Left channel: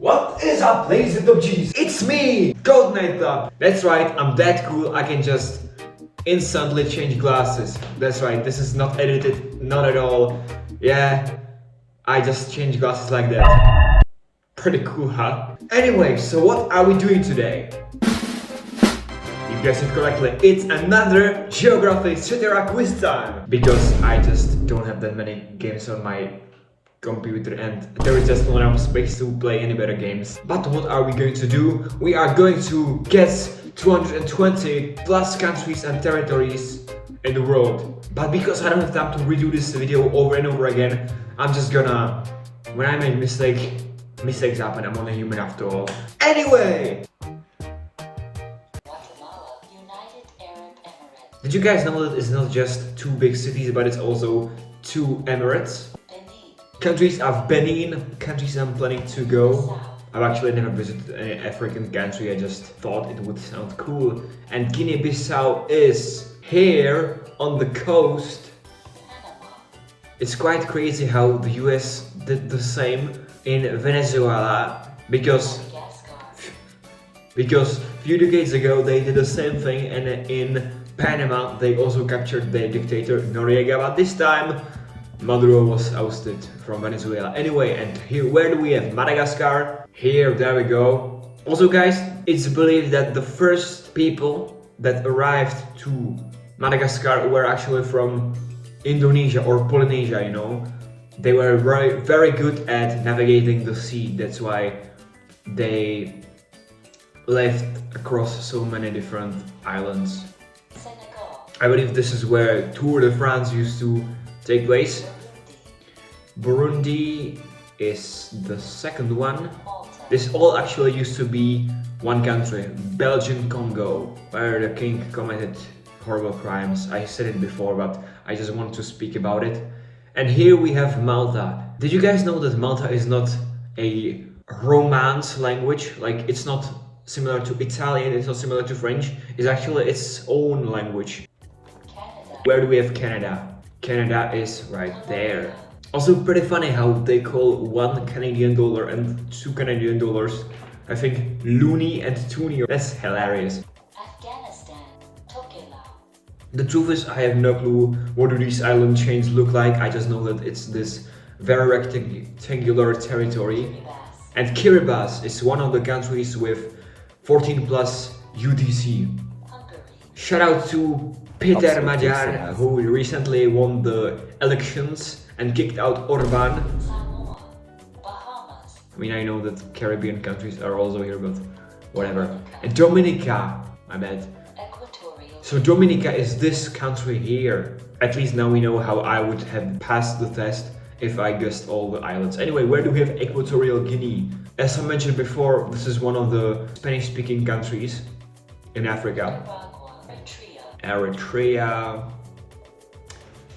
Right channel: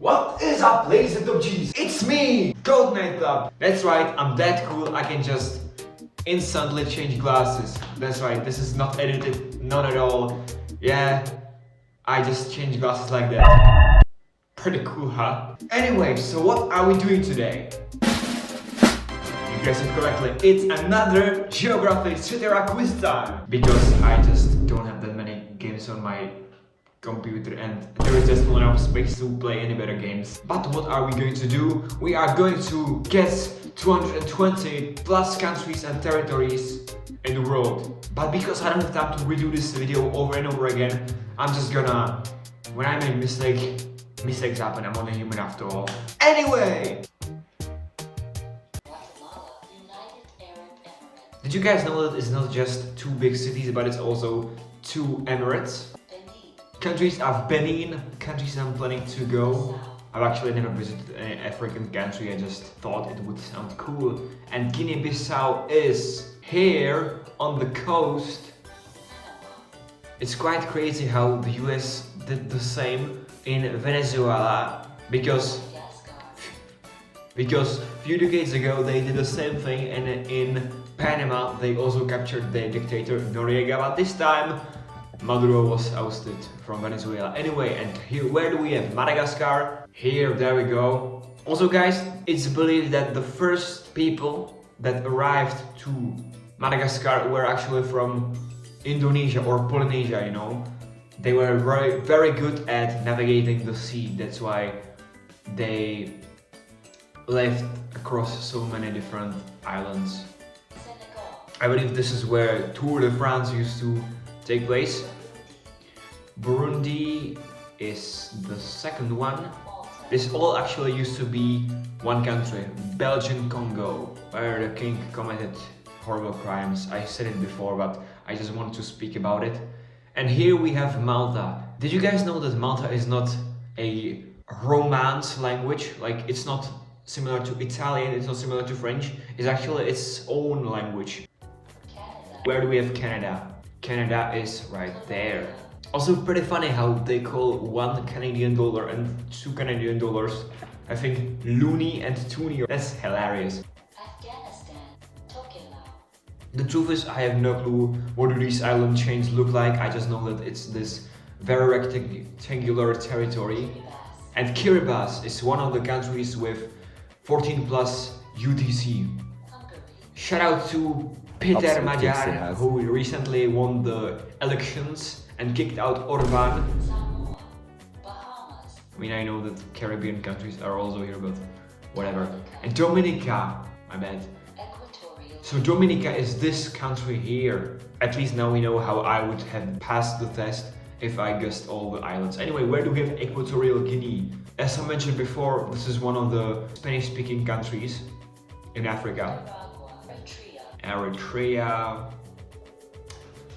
What is up, ladies and G's? It's me, Gold Nightclub. That's right, I'm that cool, I can just instantly change glasses. That's right, this is not edited, not at all. Yeah, I just change glasses like that. Pretty cool, huh? Anyway, so what are we doing today? You guessed it correctly, it's another Geography Seterra quiz time! Because I just don't have that many games on my computer and there is just not enough space to play any better games. But what are we going to do? We are going to guess 220 plus countries and territories in the world. But because I don't have time to redo this video over and over again, I'm just gonna, when I make mistakes happen, I'm only human after all. Anyway! Did you guys know that it's not just two big cities, but it's also two emirates? Countries I've been in, countries I'm planning to go. I've actually never visited an African country, I just thought it would sound cool. And Guinea-Bissau is here on the coast. It's quite crazy how the US did the same in Venezuela because a few decades ago they did the same thing, and in Panama they also captured the dictator Noriega, but this time Maduro was ousted from Venezuela. Anyway, and here, where do we have Madagascar? Here, there we go. Also guys, it's believed that the first people that arrived to Madagascar were actually from Indonesia or Polynesia, you know. They were very good at navigating the sea, that's why they left across so many different islands. I believe this is where Tour de France used to take place. Burundi is the second one. This all actually used to be one country, Belgian Congo, where the king committed horrible crimes. I said it before, but I just want to speak about it. And here we have Malta. Did you guys know that Malta is not a Romance language? Like, it's not similar to Italian, it's not similar to French. It's actually its own language. Where do we have Canada? Canada is right there. Also pretty funny how they call $1 Canadian and $2 Canadian, I think, loony and toony. That's hilarious. The truth is, I have no clue what do these island chains look like. I just know that it's this very rectangular territory. And Kiribati is one of the countries with 14 plus UTC. Shout out to Peter Magyar, who recently won the elections and kicked out Orban. I mean, I know that Caribbean countries are also here, but whatever. And Dominica, my bad. So Dominica is this country here. At least now we know how I would have passed the test if I guessed all the islands. Anyway, where do we have Equatorial Guinea? As I mentioned before, this is one of the Spanish-speaking countries in Africa. Eritrea.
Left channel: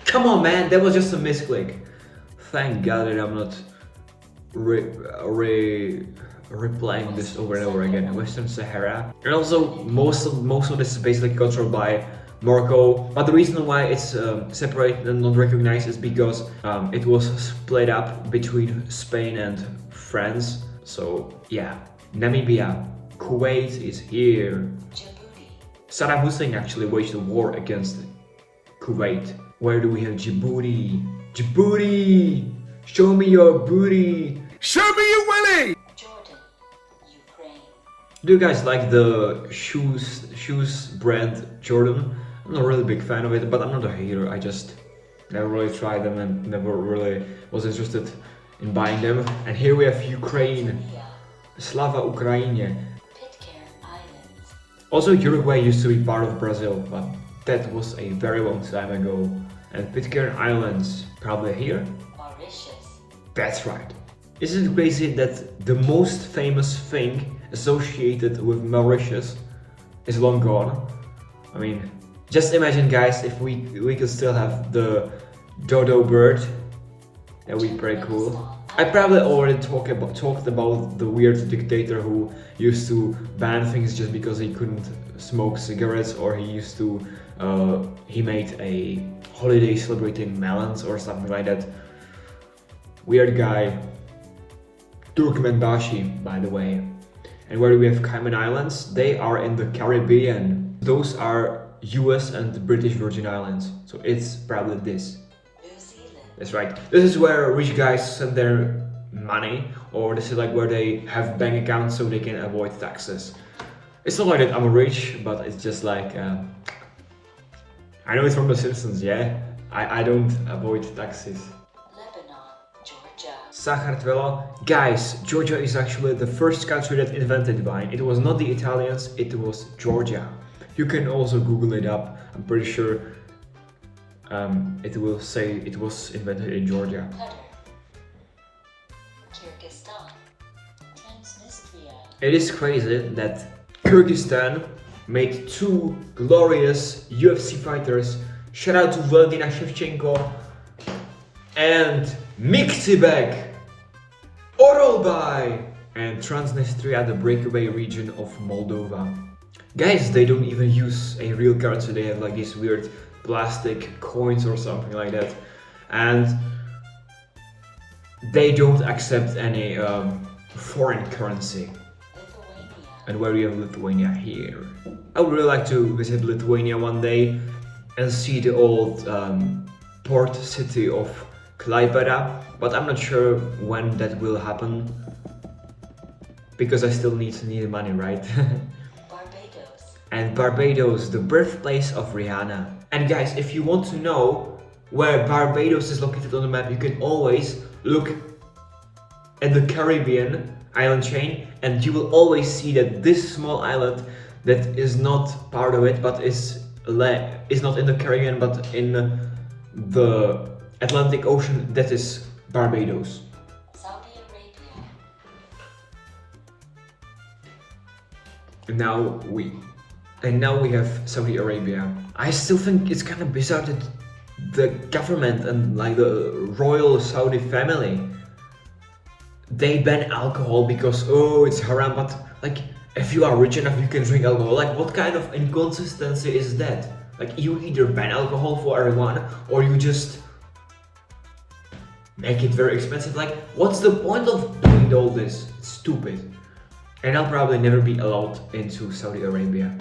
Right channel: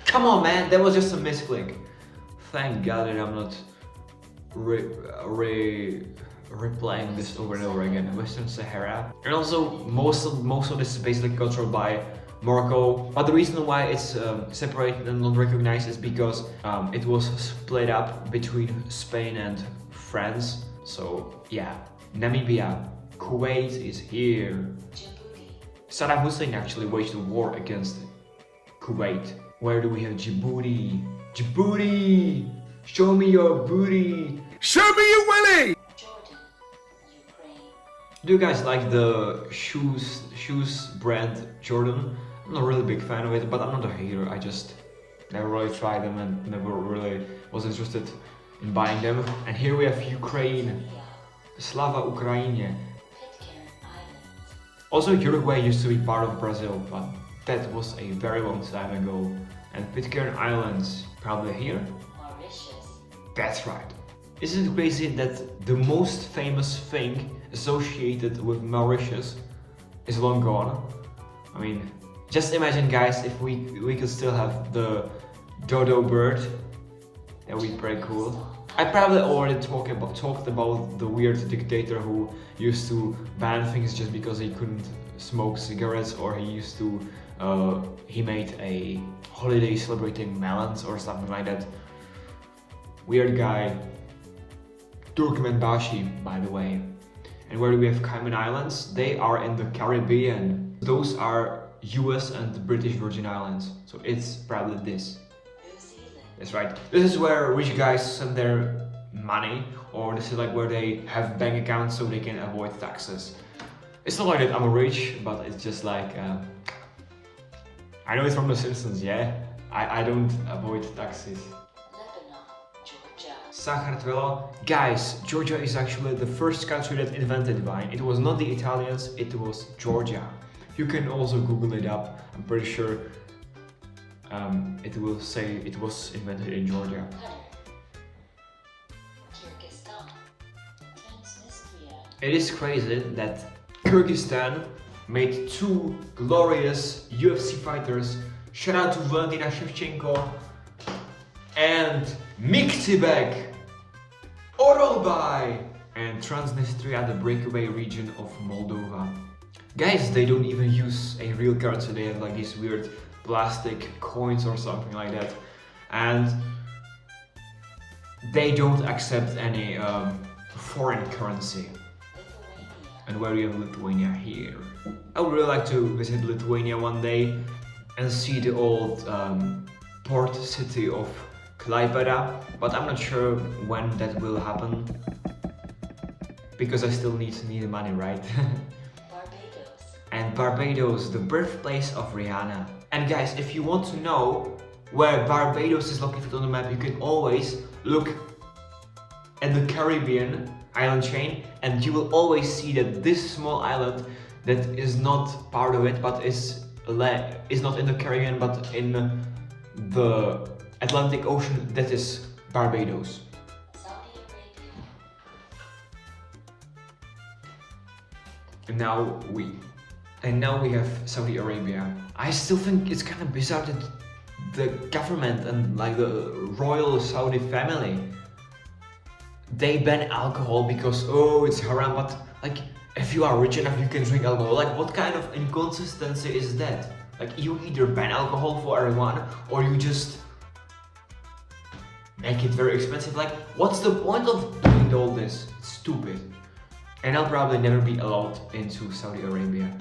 Come on, man, that was just a misclick. Thank God that I'm not replaying this over and over again. Western Sahara. And also most of this is basically controlled by Morocco. But the reason why it's separated and not recognized is because it was split up between Spain and France. So yeah, Namibia, Kuwait is here. Saddam Hussein actually waged a war against Kuwait. Where do we have Djibouti? Djibouti! Show me your booty! Show me your willy! Do you guys like the shoes brand Jordan? I'm not really a big fan of it, but I'm not a hater. I just never really tried them and never really was interested in buying them. And here we have Ukraine. Slava Ukraine. Also, Uruguay used to be part of Brazil, but that was a very long time ago. And Pitcairn Islands, probably here? That's right. Isn't it crazy that the most famous thing associated with Mauritius is long gone? I mean, just imagine guys, if we could still have the dodo bird, that would be pretty cool. I probably already talked about the weird dictator who used to ban things just because he couldn't smoke cigarettes, or he made a holiday celebrating melons or something like that. Weird guy. Turkmenbashi, by the way. And where we have Cayman Islands, they are in the Caribbean. Those are US and the British Virgin Islands. So it's probably this. That's right. This is where rich guys send their money, or this is like where they have bank accounts so they can avoid taxes. It's not like that I'm rich, but it's just like I know it's from The Simpsons, yeah? I don't avoid taxes. Sachertvelo. Guys, Georgia is actually the first country that invented wine. It was not the Italians, it was Georgia. You can also Google it up. I'm pretty sure it will say it was invented in Georgia. It is crazy that Kyrgyzstan made two glorious UFC fighters. Shout out to Valentina Shevchenko and Mixibek, Orolbai, and Transnistria, the breakaway region of Moldova. Guys, they don't even use a real currency, they have like these weird plastic coins or something like that. And they don't accept any foreign currency. And where you have Lithuania here. I would really like to visit Lithuania one day and see the old port city of Klaipėda, but I'm not sure when that will happen because I still need money, right? Barbados. And Barbados, the birthplace of Rihanna. And guys, if you want to know where Barbados is located on the map, you can always look at the Caribbean island chain, and you will always see that this small island that is not part of it, but is not in the Caribbean, but in the Atlantic Ocean, that is Barbados. Saudi Arabia. And now we have Saudi Arabia. I still think it's kind of bizarre that the government and like the royal Saudi family, they ban alcohol because it's haram, but like if you are rich enough you can drink alcohol. Like what kind of inconsistency is that? Like you either ban alcohol for everyone or you just make it very expensive. Like what's the point of doing all this? It's stupid. And I'll probably never be allowed into Saudi Arabia.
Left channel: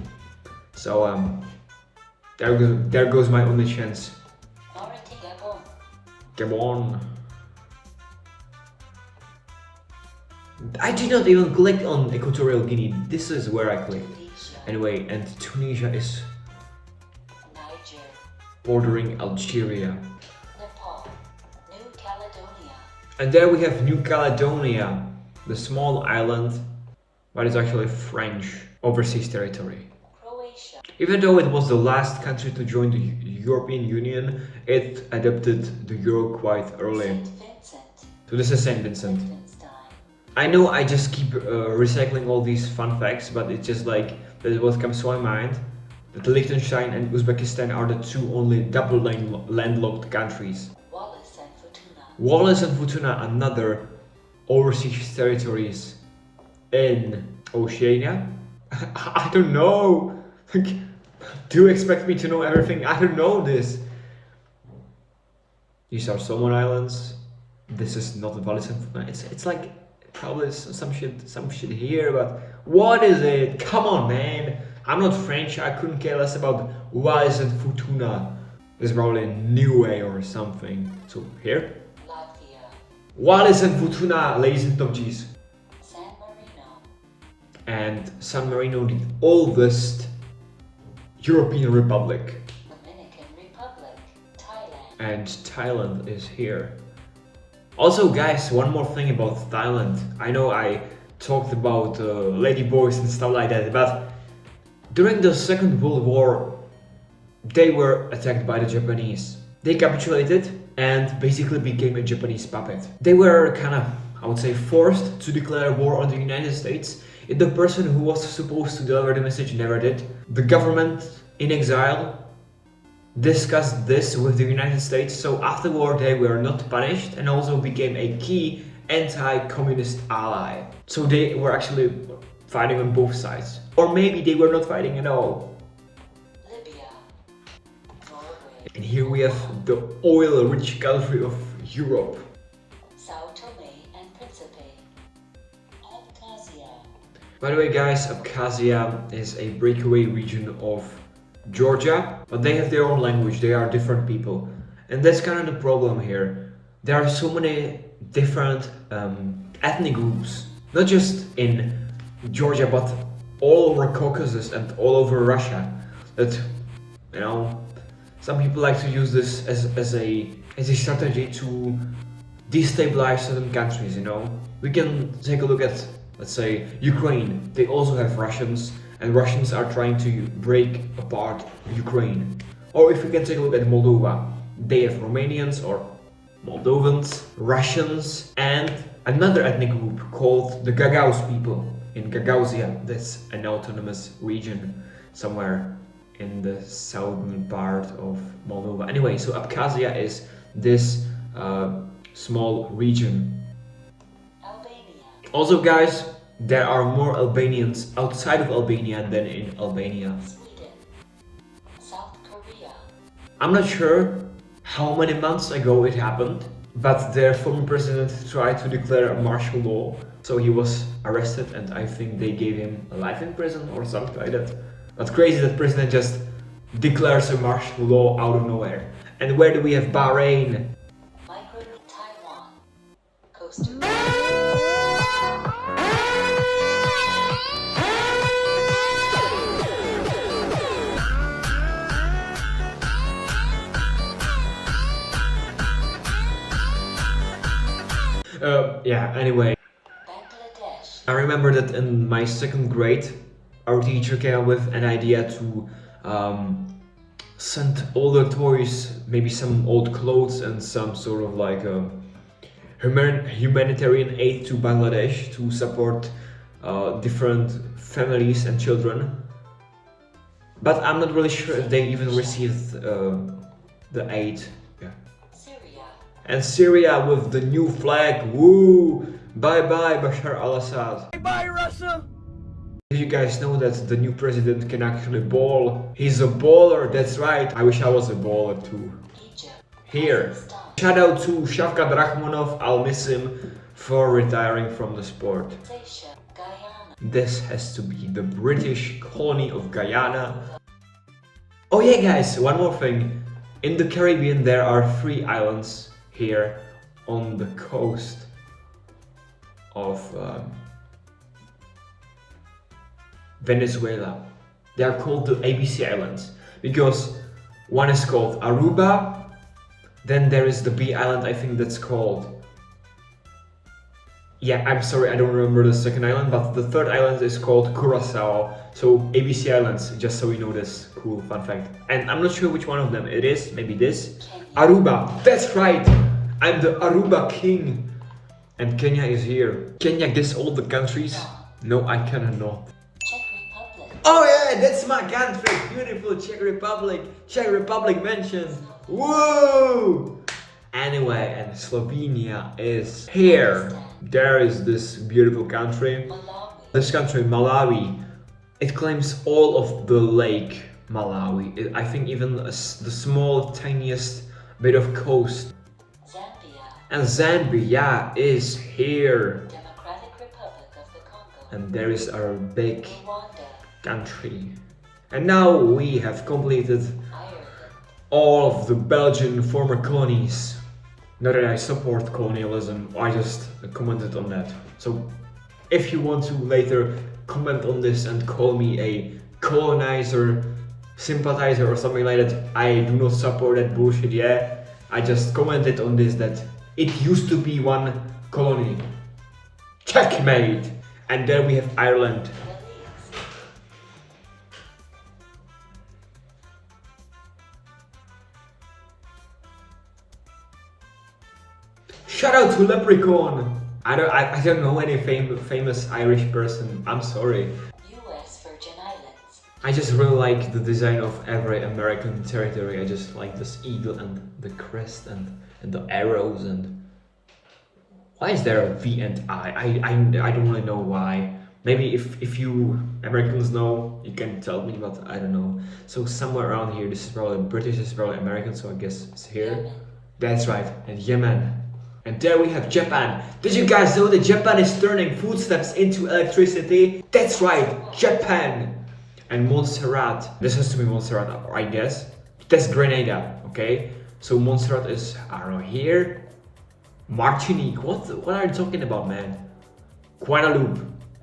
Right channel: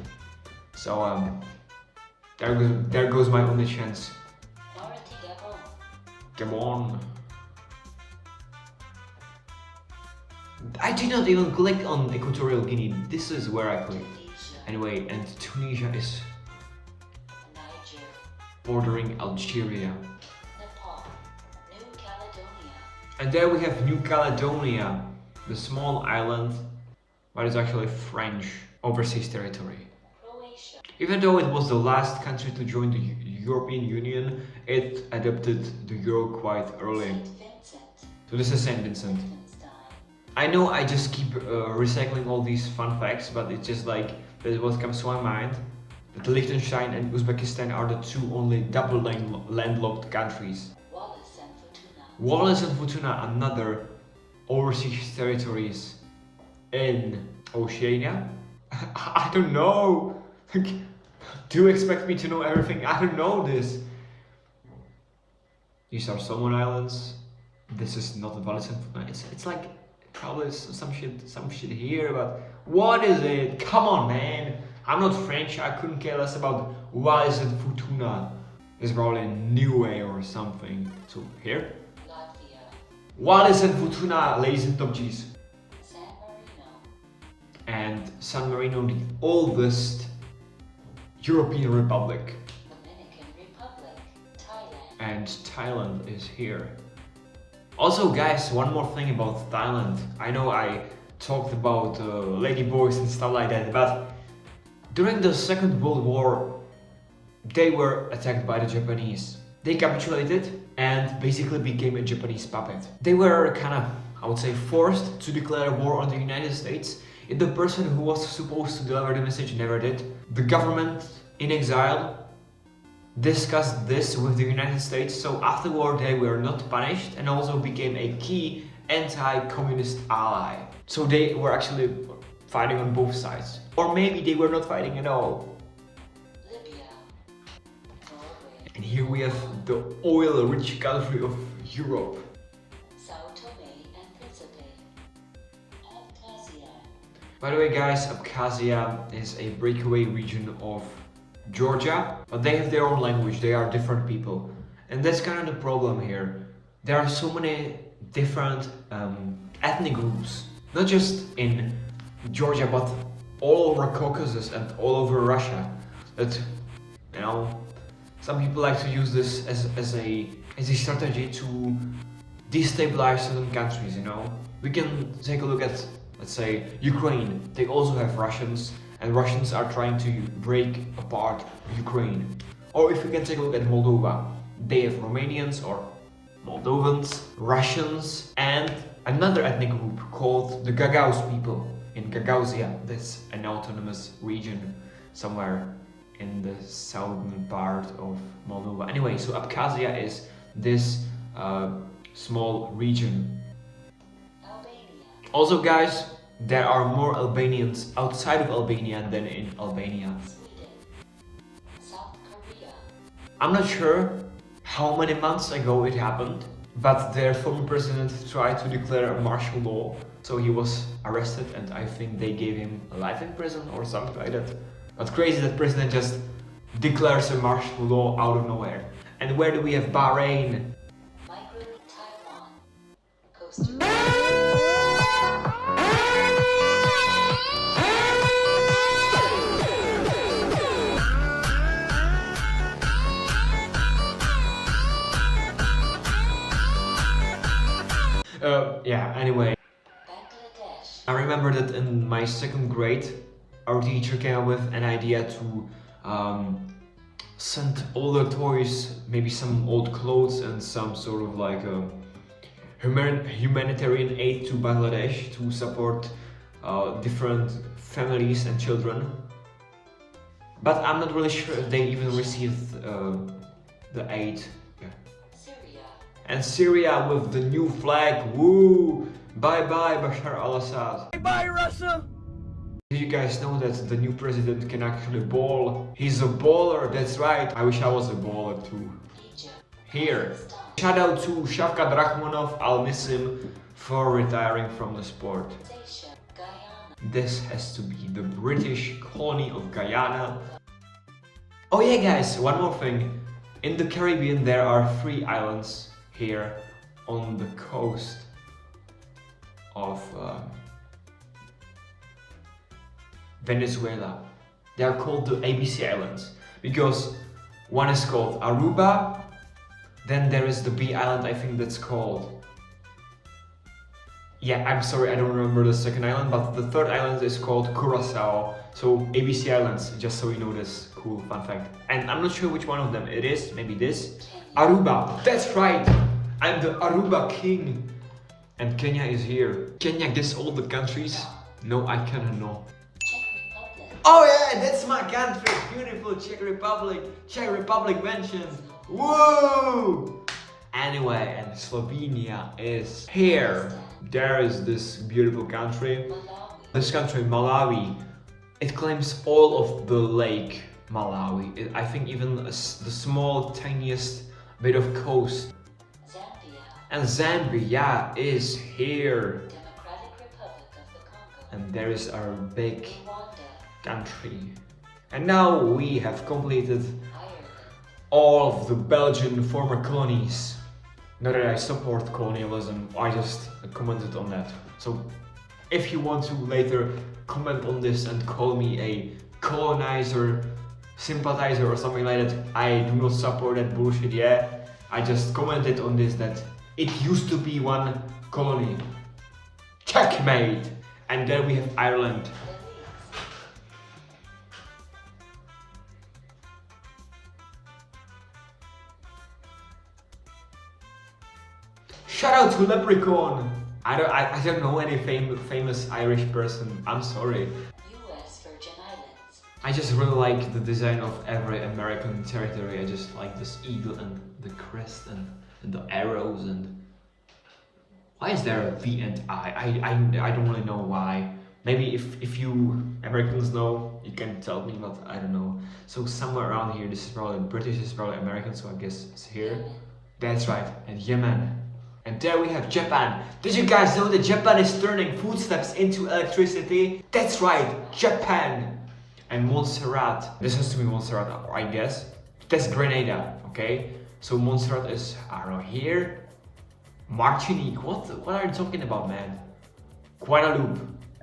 So there goes my only chance. Come on. I did not even click on Equatorial Guinea. This is where I clicked. Anyway, and Tunisia is bordering Algeria. And there we have New Caledonia, the small island, but it's actually French overseas territory. Even though it was the last country to join the European Union, it adopted the euro quite early. So this is Saint Vincent. I know I just keep recycling all these fun facts, but it's just like that is what comes to my mind. That Liechtenstein and Uzbekistan are the two only double landlocked countries. Wallis and Futuna, another overseas territories in Oceania. I don't know. Do you expect me to know everything? I don't know this. These are Solomon Islands. This is not Wallis and Futuna. It's like probably some shit here, but what is it? Come on, man. I'm not French. I couldn't care less about Wallis and Futuna. There's probably a Niue or something. So here, Wallis and Futuna, ladies and G's. And San Marino, the oldest European republic. Dominican Republic, Thailand. And Thailand is here. Also guys, one more thing about Thailand. I know I talked about ladyboys and stuff like that, but during the Second World War, they were attacked by the Japanese. They capitulated and basically became a Japanese puppet. They were kind of, I would say, forced to declare war on the United States. If the person who was supposed to deliver the message never did, the government in exile discussed this with the United States, so afterward they were not punished and also became a key anti-communist ally. So they were actually fighting on both sides. Or maybe they were not fighting at all. And here we have the oil-rich country of Europe. By the way guys, Abkhazia is a breakaway region of Georgia, but they have their own language, they are different people. And that's kind of the problem here. There are so many different ethnic groups, not just in Georgia, but all over Caucasus and all over Russia, that, you know, some people like to use this as a strategy to destabilize certain countries, you know. We can take a look at, let's say, Ukraine. They also have Russians, and Russians are trying to break apart Ukraine. Or if we can take a look at Moldova, they have Romanians or Moldovans, Russians, and another ethnic group called the Gagauz people in Gagauzia. That's an autonomous region somewhere in the southern part of Moldova. Anyway, so Abkhazia is this small region. Also guys, there are more Albanians outside of Albania than in Albania. I'm not sure how many months ago it happened, but their former president tried to declare a martial law, so he was arrested and I think they gave him a life in prison or something like that. But crazy that president just declares a martial law out of nowhere. And where do we have Bahrain? Taiwan, Costa Rica. Yeah, anyway. Bangladesh. I remember that in my second grade, our teacher came up with an idea to send all the toys, maybe some old clothes and some sort of like humanitarian aid to Bangladesh to support different families and children. But I'm not really sure if they even received the aid. Yeah. Syria. And Syria with the new flag, woo! Bye bye Bashar al-Assad. Bye bye Russia! Did you guys know that the new president can actually ball? He's a baller, that's right. I wish I was a baller too. Egypt. Here. Shout out to Shavkat Rakhmonov, I'll miss him for retiring from the sport. Seychelles. Guyana. This has to be the British colony of Guyana. Oh yeah guys, one more thing. In the Caribbean there are 3 islands here on the coast of Venezuela. They are called the ABC Islands because one is called Aruba, then there is the B island, I think that's called... Yeah, I'm sorry, I don't remember the second island, but the third island is called Curacao. So ABC Islands, just so you know this cool fun fact. And I'm not sure which one of them it is, maybe this. Aruba, that's right! I'm the Aruba king! And Kenya is here. Kenya gets all the countries? No, I cannot know. Czech Republic. Oh yeah, that's my country! Beautiful Czech Republic! Czech Republic mentioned! Woo! Anyway, and Slovenia is here. There is this beautiful country. Malawi. This country, Malawi, it claims all of the lake Malawi. I think even the small, tiniest bit of coast. Zambia. And Zambia is here. Democratic Republic of the Congo. And there is our big Rwanda. country. And now we have completed Ireland. all of the Belgian former colonies. Not that I support colonialism, I just commented on that. So if you want to later comment on this and call me a colonizer, sympathizer or something like that, I do not support that bullshit, yeah. I just commented on this that it used to be one colony. Checkmate! And then we have Ireland. Shout out to Leprechaun! I don't know any famous Irish person, I'm sorry. U.S. Virgin Islands. I just really like the design of every American territory. I just like this eagle and the crest and the arrows and... Why is there a V and I? I don't really know why. Maybe if you Americans know, you can tell me, but I don't know. So somewhere around here, this is probably British, this is probably American, so I guess it's here. That's right, and Yemen. And there we have Japan. Did you guys know that Japan is turning footsteps into electricity? That's right, Japan. And Montserrat. This has to be Montserrat, I guess. That's Grenada, okay? So Montserrat is, I don't know, here. Martinique. What are you talking about, man? Guadeloupe.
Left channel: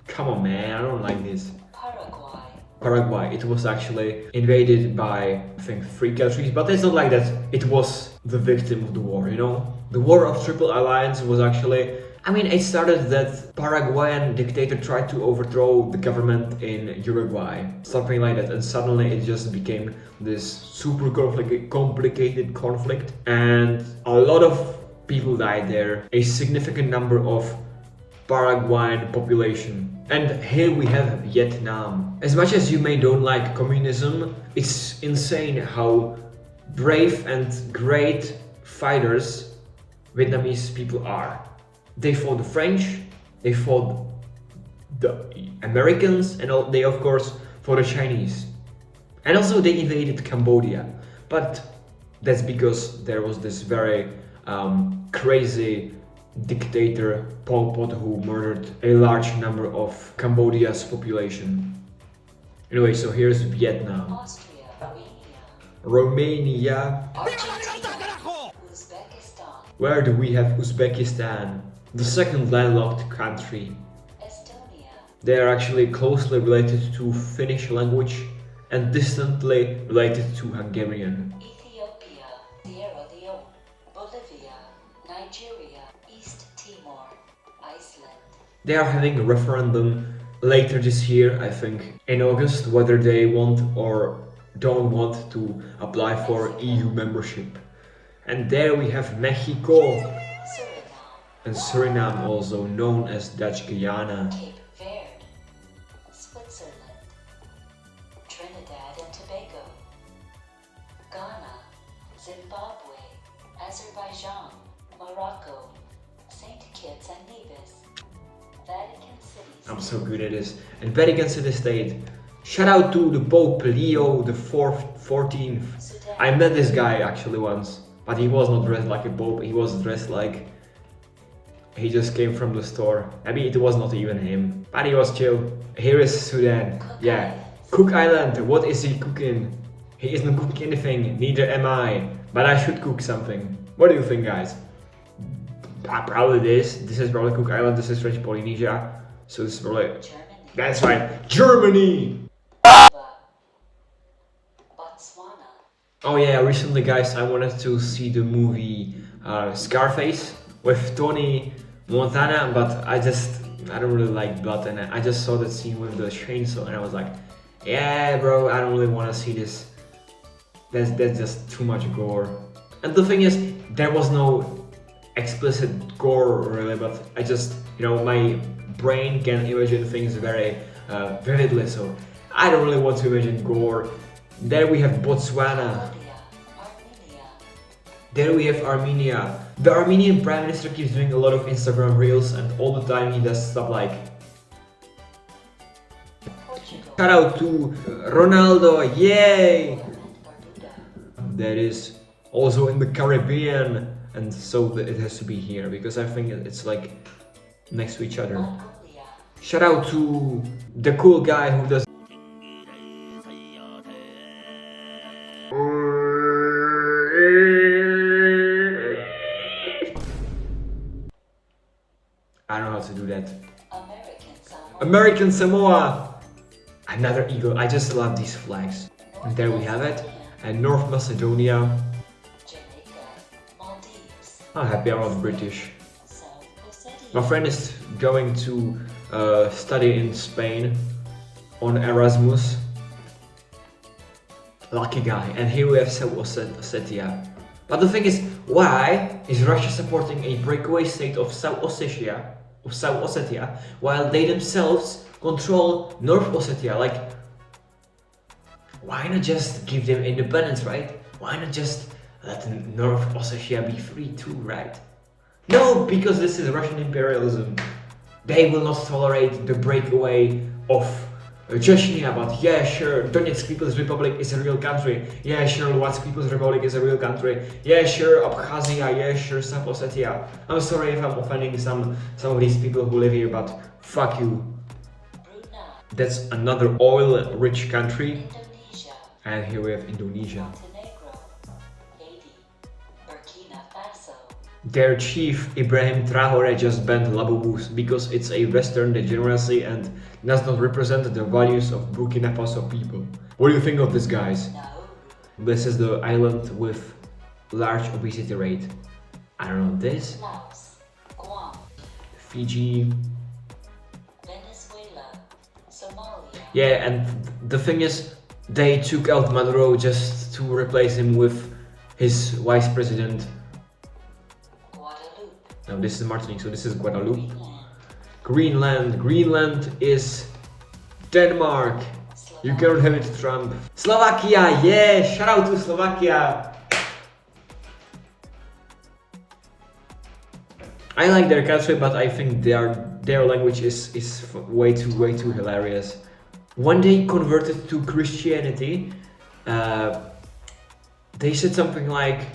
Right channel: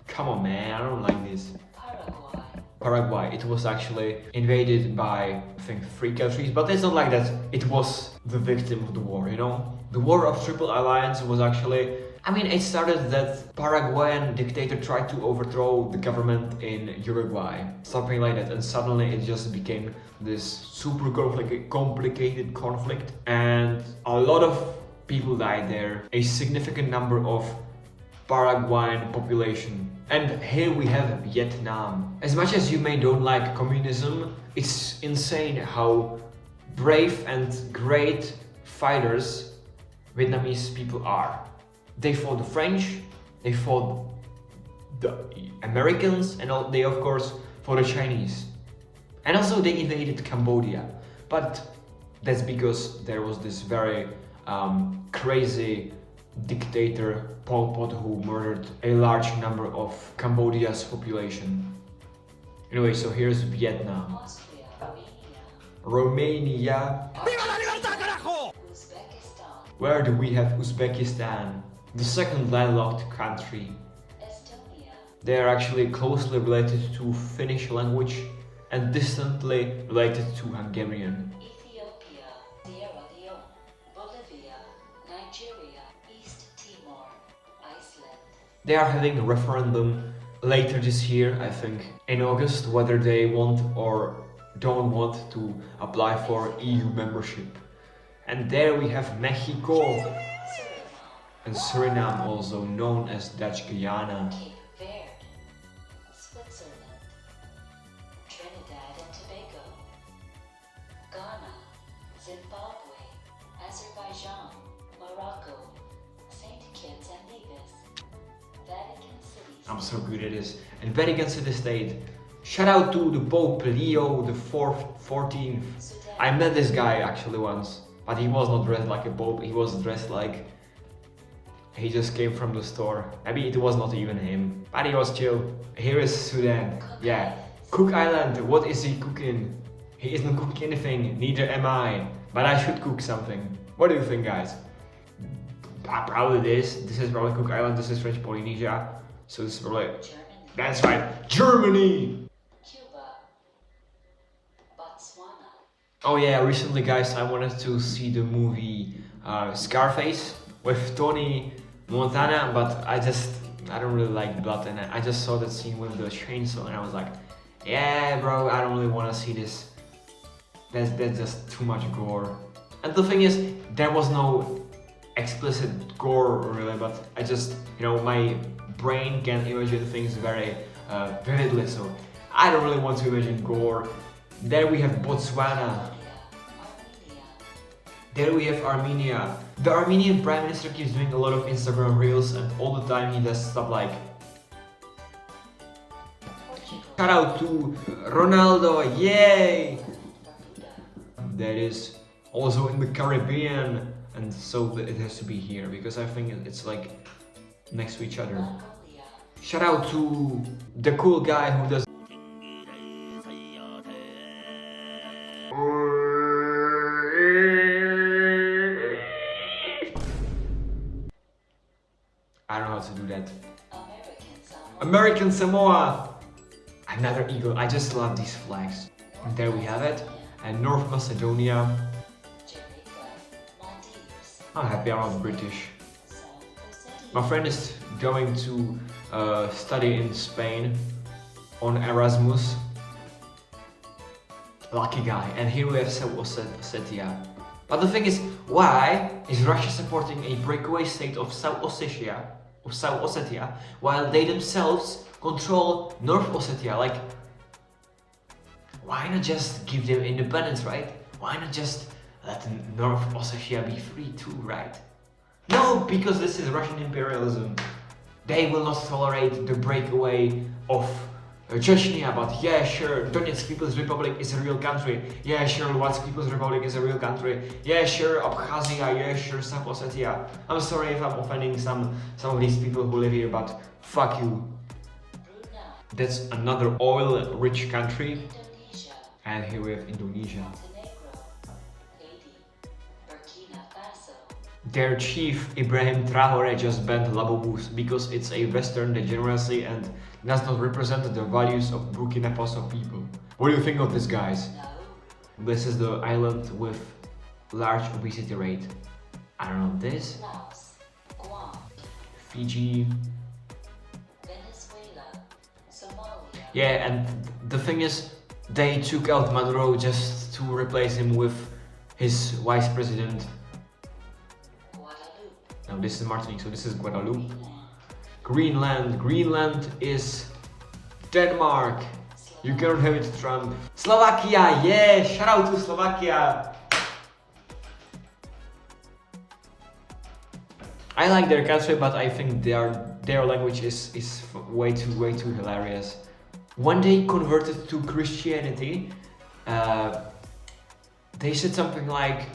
Come on, man. I don't like this. Paraguay. Paraguay. It was actually invaded by, I think, 3 countries, but it's not like that. It was the victim of the war, you know? The War of Triple Alliance was actually, I mean, it started that Paraguayan dictator tried to overthrow the government in Uruguay, something like that, and suddenly it just became this super complicated conflict, and a lot of people died there, a significant number of Paraguayan population. And here we have Vietnam. As much as you may don't like communism, it's insane how brave and great fighters Vietnamese people are. They fought the French, they fought the Americans, and they of course fought the Chinese. And also they invaded Cambodia. But that's because there was this very crazy dictator Pol Pot who murdered a large number of Cambodia's population. Anyway, so here's Vietnam. Austria. Romania. Uzbekistan. Where do we have Uzbekistan? The second landlocked country. Estonia. They are actually closely related to Finnish language and distantly related to Hungarian. Ethiopia. Sierra Leone. Bolivia. Nigeria. East Timor. Iceland. They are having a referendum later this year, I think, in August, whether they want or don't want to apply for EU membership. And there we have Mexico Suriname. and Suriname, also known as Dutch Guyana. Cape Verde. Switzerland. Trinidad and Tobago. Ghana. Zimbabwe. Azerbaijan. Morocco. St. Kitts and Nevis. Vatican City. I'm so good at this. And Vatican City State. Shout out to the Pope Leo the 14th. Sudan. I met this guy actually once, but he was not dressed like a pope. He was dressed like he just came from the store. Maybe it was not even him, but he was chill. Here is Sudan. Yeah, Cook Island. What is he cooking? He isn't cooking anything. Neither am I. But I should cook something. What do you think, guys? Probably this. This is probably Cook Island. This is French Polynesia. So it's probably. Germany. That's right, Germany. Botswana. Oh yeah, recently guys, I wanted to see the movie Scarface with Tony Montana, but I don't really like blood, and I just saw that scene with the chainsaw and I was like, yeah bro, I don't really want to see this. That's just too much gore. And the thing is, there was no explicit gore really, but I just, you know, my brain can imagine things very vividly, so I don't really want to imagine gore. There we have Botswana. Armenia. There we have Armenia. The Armenian Prime Minister keeps doing a lot of Instagram reels, and all the time he does stuff like Portugal. shout out to Ronaldo, yay! Bermuda. That is also in the Caribbean, and so it has to be here because I think it's like next to each other. Mongolia. Shout out to the cool guy who does I don't know how to do that. American Samoa. American Samoa! Another eagle. I just love these flags. And there we have it. And North Macedonia. Jamaica. Maldives. I'm happy I'm not British. South Ossetia. My friend is going to study in Spain on Erasmus. Lucky guy. And here we have South Ossetia. But the thing is, why is Russia supporting a breakaway state of South Ossetia, while they themselves control North Ossetia? Like, why not just give them independence, right? Why not just let North Ossetia be free too, right? No, because this is Russian imperialism. They will not tolerate the breakaway of Chechnya, but yeah, sure, Donetsk People's Republic is a real country. Yeah, sure, Luhansk People's Republic is a real country. Yeah, sure, Abkhazia. Yeah, sure, South Ossetia. I'm sorry if I'm offending some of these people who live here, but fuck you. Brunei, That's another oil-rich country. Indonesia, And here we have Indonesia. Montenegro, Haiti, Burkina Faso, Their chief, Ibrahim Traore, just banned Labobus because it's a Western degeneracy and does not represent the values of Burkina Faso people. What do you think of this, guys? Nauru, This is the island with large obesity rate. I don't know this. Laos, Guam, Fiji. Venezuela, Somalia, Yeah, and the thing is, they took out Maduro just to replace him with his vice president. Guadeloupe, Now this is Martinique, so this is Guadeloupe. Greenland, Greenland is Denmark. You cannot have it, Trump. Slovakia, yeah, shout out to Slovakia. I like their country, but I think their language is way too hilarious. When they converted to Christianity, they said something like,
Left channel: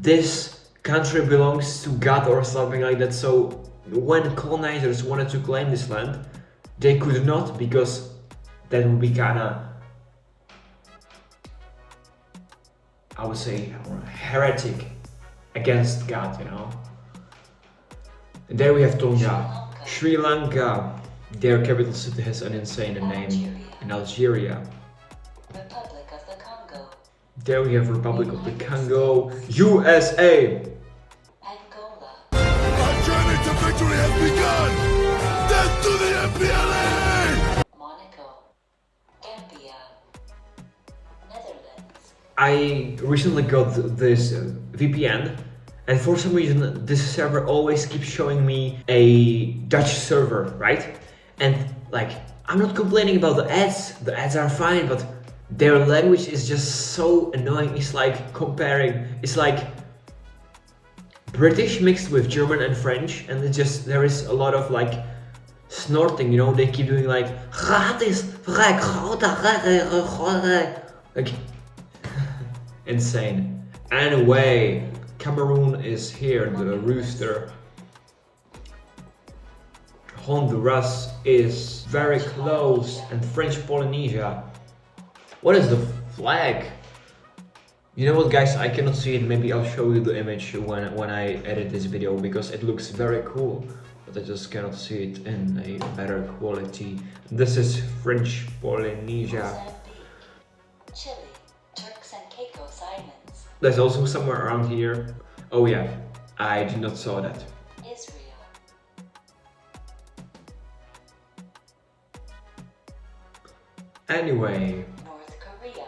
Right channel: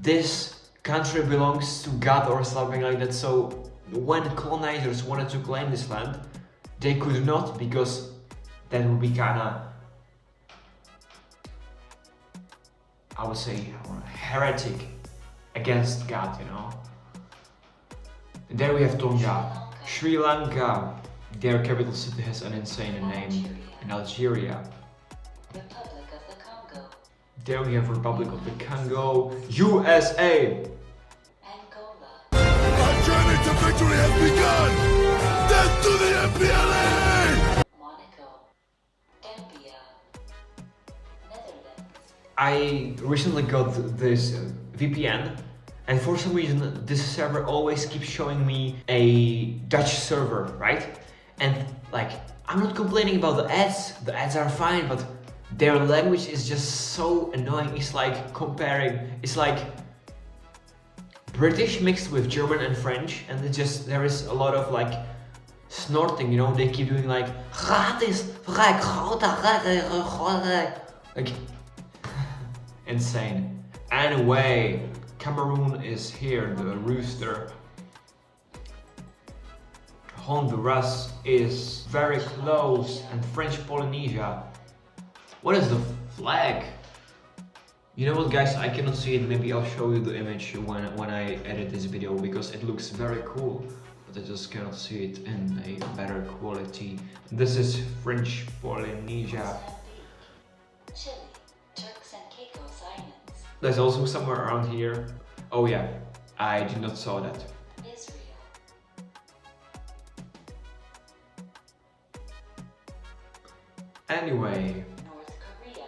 "This country belongs to God" or something like that. So when colonizers wanted to claim this land, they could not, because that would be kinda, I would say, heretic against God, you know. And there we have Tonga, Sri Lanka. Their capital city has an insane name, in Algeria. Republic of the Congo, There we have Republic of the Congo, USA. Angola, Our journey to victory has begun! Death to the MPLA! Monaco, Gambia, Netherlands, I recently got this VPN, and for some reason this server always keeps showing me a Dutch server, right? And like, I'm not complaining about the ads are fine, but their language is just so annoying. It's like comparing, it's like British mixed with German and French, and it just, there is a lot of like snorting, you know. They keep doing like insane. Anyway, Cameroon is here, the rooster. Honduras is very close, and French Polynesia. What is the flag? You know what, guys, I cannot see it. Maybe I'll show you the image when I edit this video, because it looks very cool, but I just cannot see it in a better quality. This is French Polynesia. Mozambique, Chile, Turks and Caicos Islands, There's also somewhere around here. Oh yeah, I did not saw that. Israel, Anyway, North Korea,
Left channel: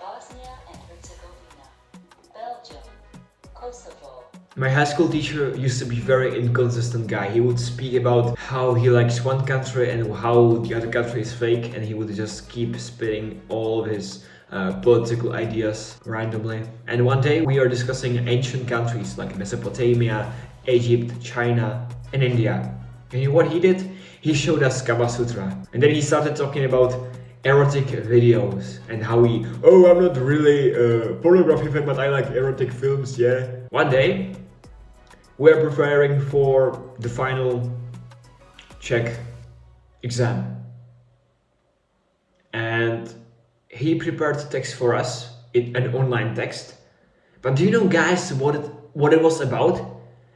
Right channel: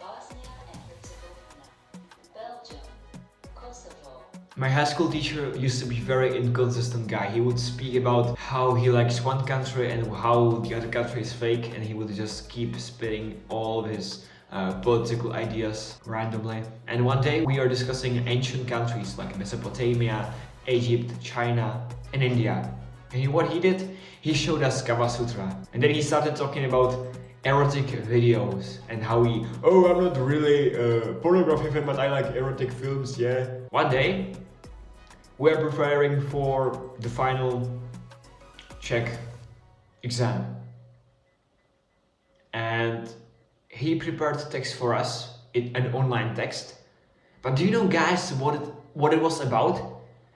Bosnia and Herzegovina, Belgium, Kosovo, my high school teacher used to be very inconsistent guy. He would speak about how he likes one country and how the other country is fake, and he would just keep spitting all of his political ideas randomly. And one day we are discussing ancient countries like Mesopotamia, Egypt, China, and India. And you know what he did? He showed us Kama Sutra. And then he started talking about erotic videos and how oh, I'm not really a pornography fan, but I like erotic films, yeah. One day, we're preparing for the final Czech exam. And he prepared text for us, an online text. But do you know, guys, what it was about?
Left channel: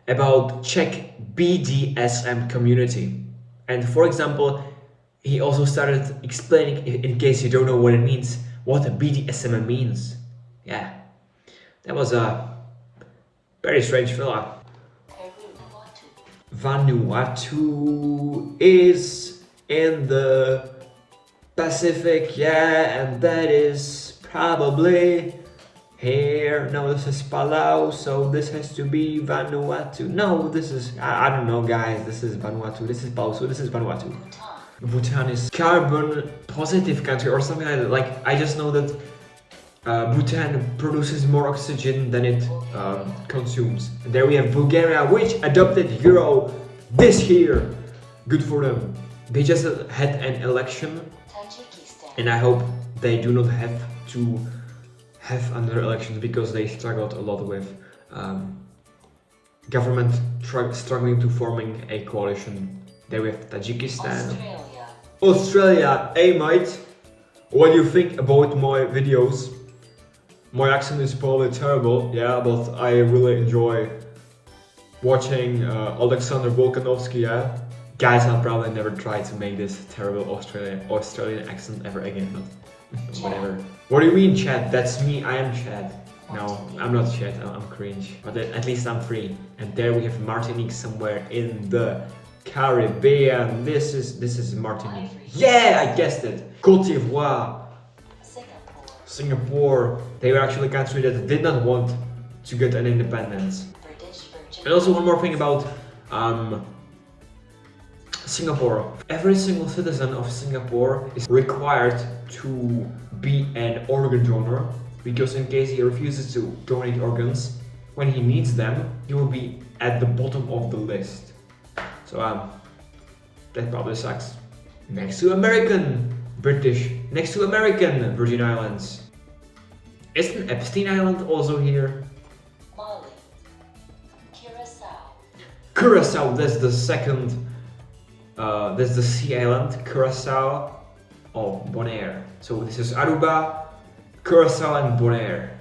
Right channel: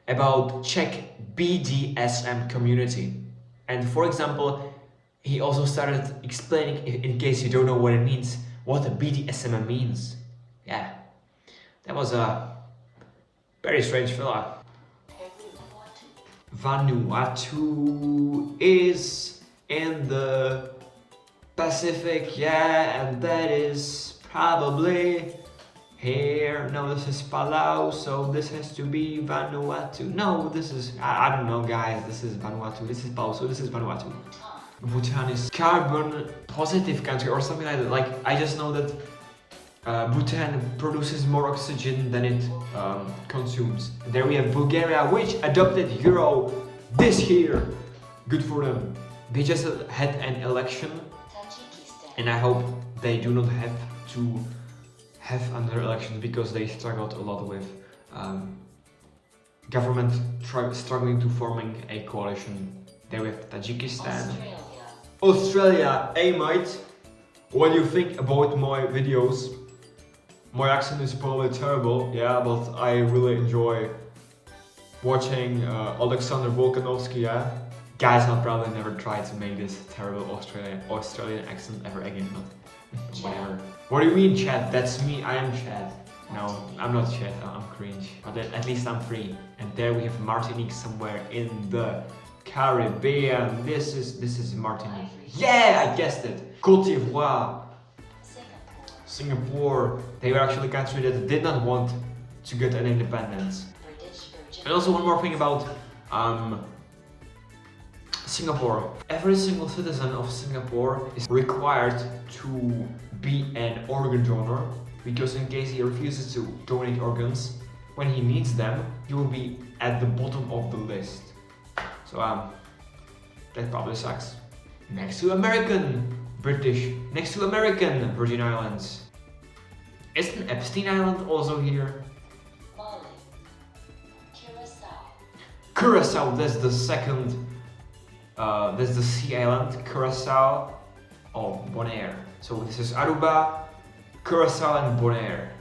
About Czech BDSM community. And for example, he also started explaining, in case you don't know what it means, what a BDSM means. Yeah, that was a very strange fella. Vanuatu is in the Pacific, yeah, and that is probably here. No, this is Palau, so this has to be Vanuatu. No, this is, I don't know, guys, this is Vanuatu, this is Palau, so this is Vanuatu. Bhutan is carbon positive country or something like that. Like, I just know that Bhutan produces more oxygen than it consumes. And there we have Bulgaria, which adopted Euro this year. Good for them. They just had an election, Tajikistan. and I hope they do not have to have another elections because they struggled a lot with government struggling to forming a coalition. There we have Tajikistan. Australia, hey mate, what do you think about my videos? My accent is probably terrible, yeah, but I really enjoy watching Alexander Volkanovski, yeah. Guys, I'll probably never try to make this terrible Australian accent ever again, but whatever. What do you mean, Chad? That's me, I am Chad. No, I'm not Chad, I'm cringe. But at least I'm free. And there we have Martinique somewhere in the Caribbean. This is Martinique. Yeah, I guessed it. Côte d'Ivoire. Singapore. They were actually a country that did not want to get an independence. And also one more thing about Singapore. Every single citizen of Singapore is required to be an organ donor, because in case he refuses to donate organs when he needs them, he will be at the bottom of the list. So that probably sucks. Next to American Virgin Islands. Isn't Epstein Island also here? Mali. Curacao. Curacao, that's the second, that's the sea island, Curacao of Bonaire. So this is Aruba, Curacao and Bonaire.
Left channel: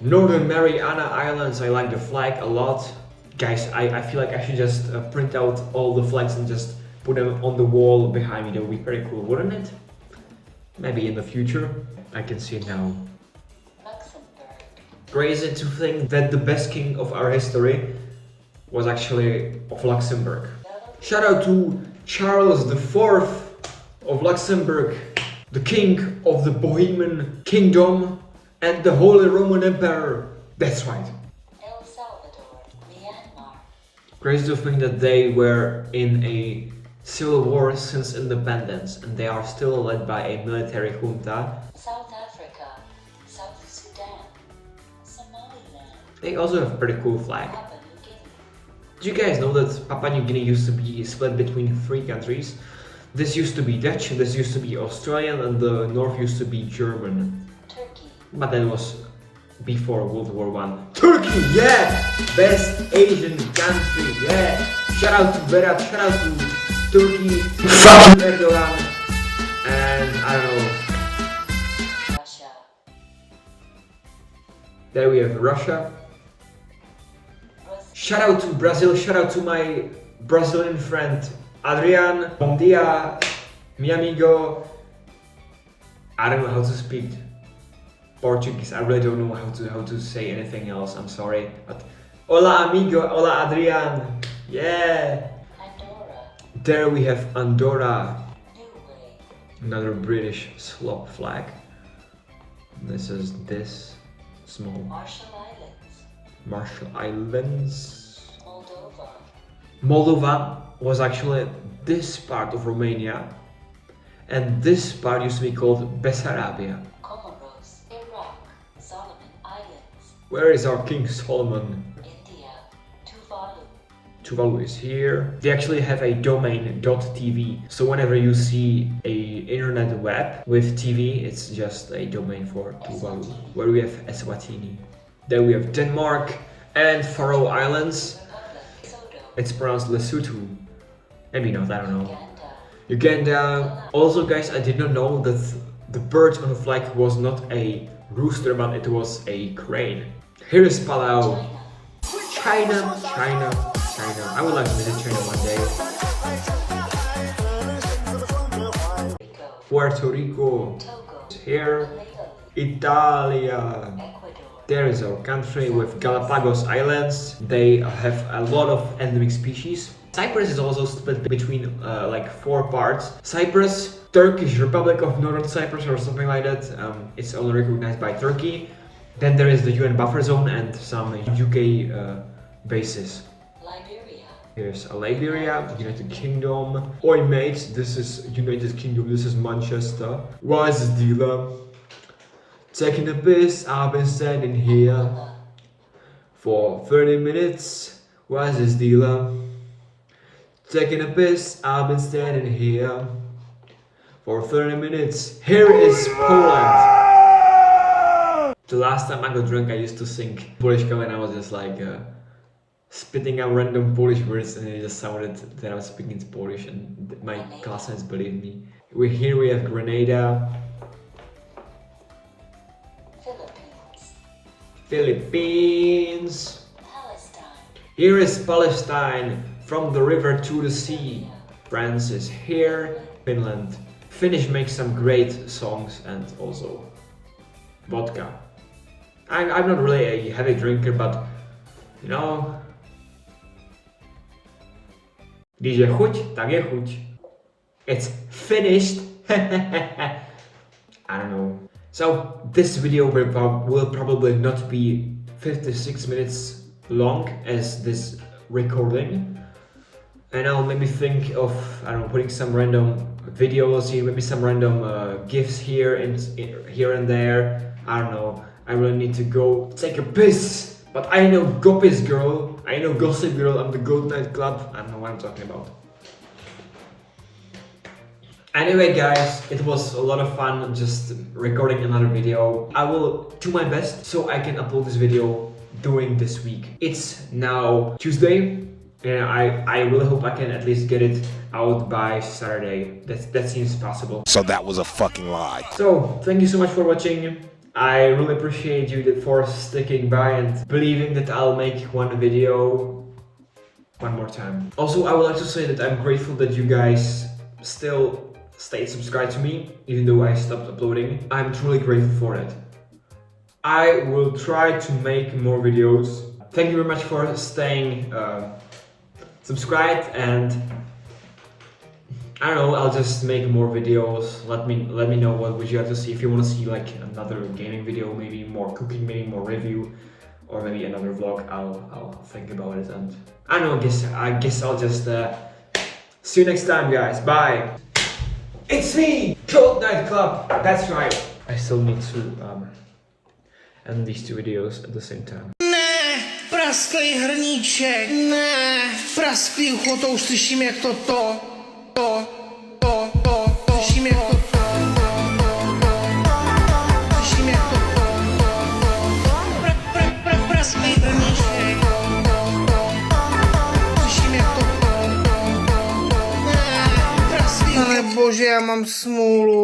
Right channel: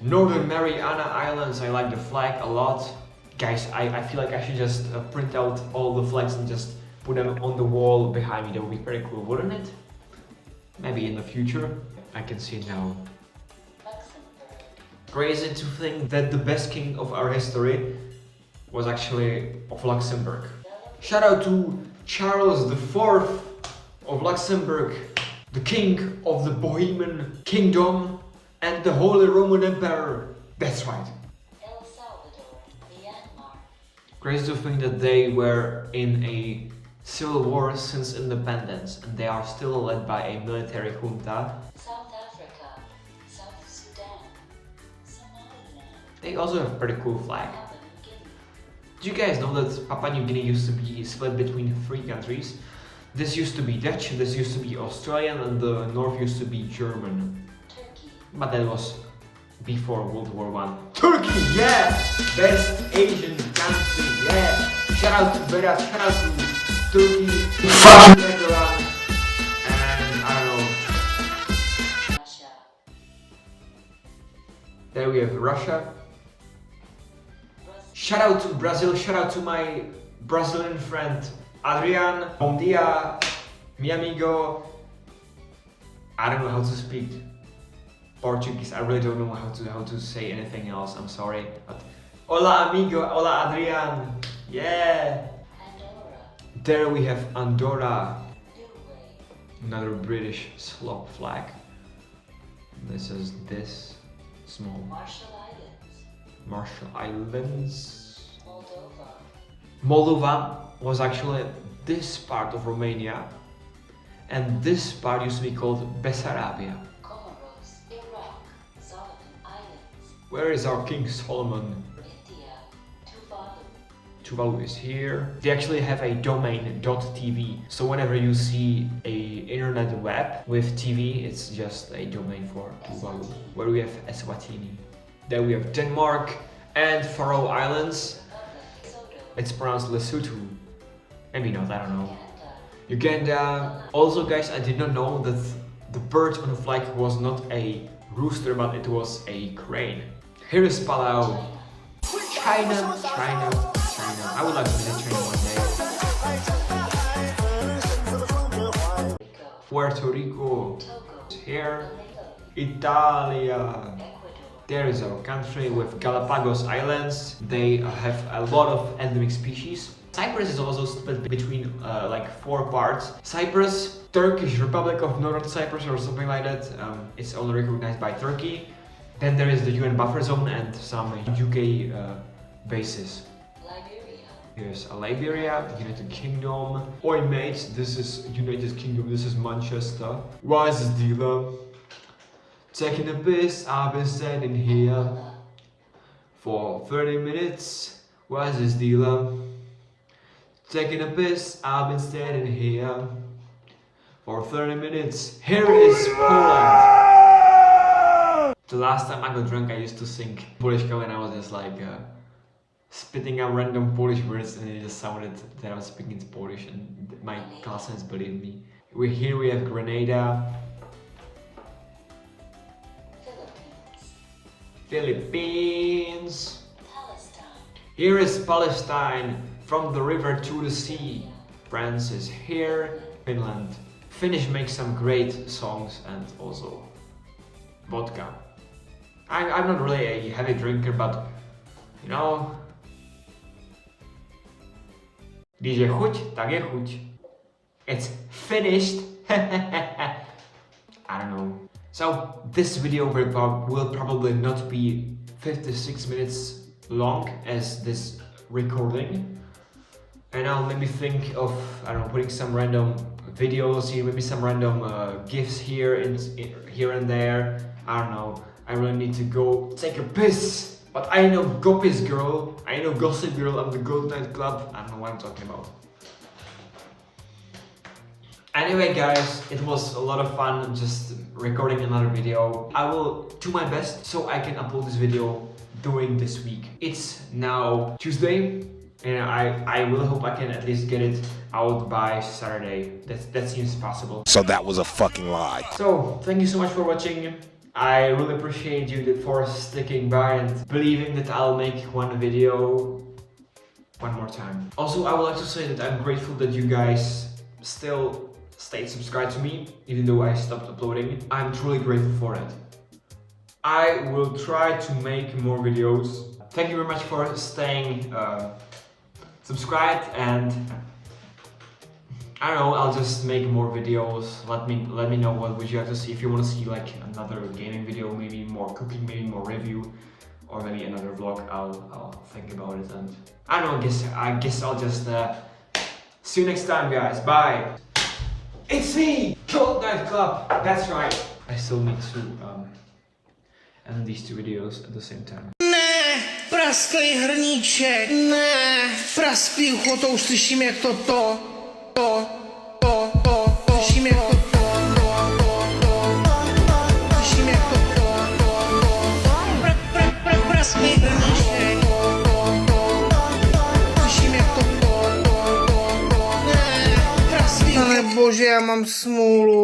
Northern Mariana Islands, I like the flag a lot. Guys, I feel like I should just print out all the flags and just put them on the wall behind me. That would be very cool, wouldn't it? Maybe in the future. I can see it now. Crazy to think that the best king of our history was actually of Luxembourg. Shout out to Charles IV of Luxembourg, the king of the Bohemian Kingdom and the Holy Roman Emperor. That's right. El Salvador. Myanmar. Crazy to think that they were in a civil war since independence and they are still led by a military junta. South Africa. South Sudan. Somaliland. They also have a pretty cool flag. Papua New Guinea. Did you guys know that Papua New Guinea used to be split between 3 countries? This used to be Dutch, this used to be Australian, and the north used to be German. Turkey. But that was before World War I. Turkey, yeah! Best Asian country, yeah! Shout out to Berat, shout out to Turkey, fuck Erdogan, and I don't know. Russia. There we have Russia. Shout out to Brazil, shout out to my Brazilian friend Adrian. Bom dia, mi amigo. I don't know how to speak Portuguese. I really don't know how to say anything else. I'm sorry, but hola amigo, hola Adrian. Yeah. Andorra. There we have Andorra, Niue. another British slop flag. This is this small Marshall Islands. Marshall Islands. Moldova. Moldova was actually this part of Romania, and this part used to be called Bessarabia. Comoros. Iraq. Solomon Islands. Where is our King Solomon? India. Tuvalu. Tuvalu is here. They actually have a domain .tv, so whenever you see a internet web with TV, it's just a domain for Tuvalu. Where we have Eswatini. Then we have Denmark and Faroe Islands. It's pronounced Lesotho. Maybe not, I don't know. Uganda. Also guys, I did not know that the bird on the flag was not a rooster, but it was a crane. Here is Palau. China. I would like to visit China one day. Puerto Rico. Here. Italia. There is our country with Galapagos Islands. They have a lot of endemic species. Cyprus is also split between like 4 parts. Cyprus, Turkish Republic of Northern Cyprus or something like that. It's only recognized by Turkey. Then there is the UN buffer zone and some UK bases. Liberia. Here's Liberia, United Kingdom. Oi mate, this is United Kingdom, this is Manchester. What is the dealer? Taking a piss, I've been standing here for 30 minutes. Why is this dealer? Taking a piss, I've been standing here for 30 minutes. Here is Poland. The last time I got drunk, I used to sing Polish song and I was just like spitting out random Polish words and it just sounded that I was speaking Polish and my classmates believed me. We have Grenada. Philippines. Palestine. Here is Palestine, from the river to the sea. France is here. Finland. Finnish makes some great songs and also vodka. I'm not really a heavy drinker, but you know, když je chuť, tak je chuť. It's finished. I don't know. So this video will probably not be 56 minutes long as this recording. And I'll maybe think of, I don't know, putting some random videos here, maybe some random gifs here and here and there. I don't know. I really need to go take a piss. But I know Gopi's girl. I know Gossip Girl. I'm the Gold Night Club. I don't know what I'm talking about. Anyway guys, it was a lot of fun just recording another video. I will do my best so I can upload this video during this week. It's now Tuesday and I really hope I can at least get it out by Saturday. That seems possible. So that was a fucking lie. So thank you so much for watching. I really appreciate you for sticking by and believing that I'll make one video one more time. Also, I would like to say that I'm grateful that you guys still stayed subscribed to me, even though I stopped uploading. I'm truly grateful for it. I will try to make more videos. Thank you very much for staying subscribed, and I don't know, I'll just make more videos. Let me know what would you like to see. If you want to see like another gaming video, maybe more cooking, maybe more review, or maybe another vlog, I'll think about it. And I don't know, I guess I'll just see you next time, guys. Bye. It's me, Gold Night Club. That's right. I still need to end these two videos at the same time. Ne, prasklý hrníček, ne, prasklý ucho, to už slyším jak to, slyším jak to, slyším jak to, prasklý hrníček, slyším jak to, ne, prasklý, ale bože, já mám smůlu.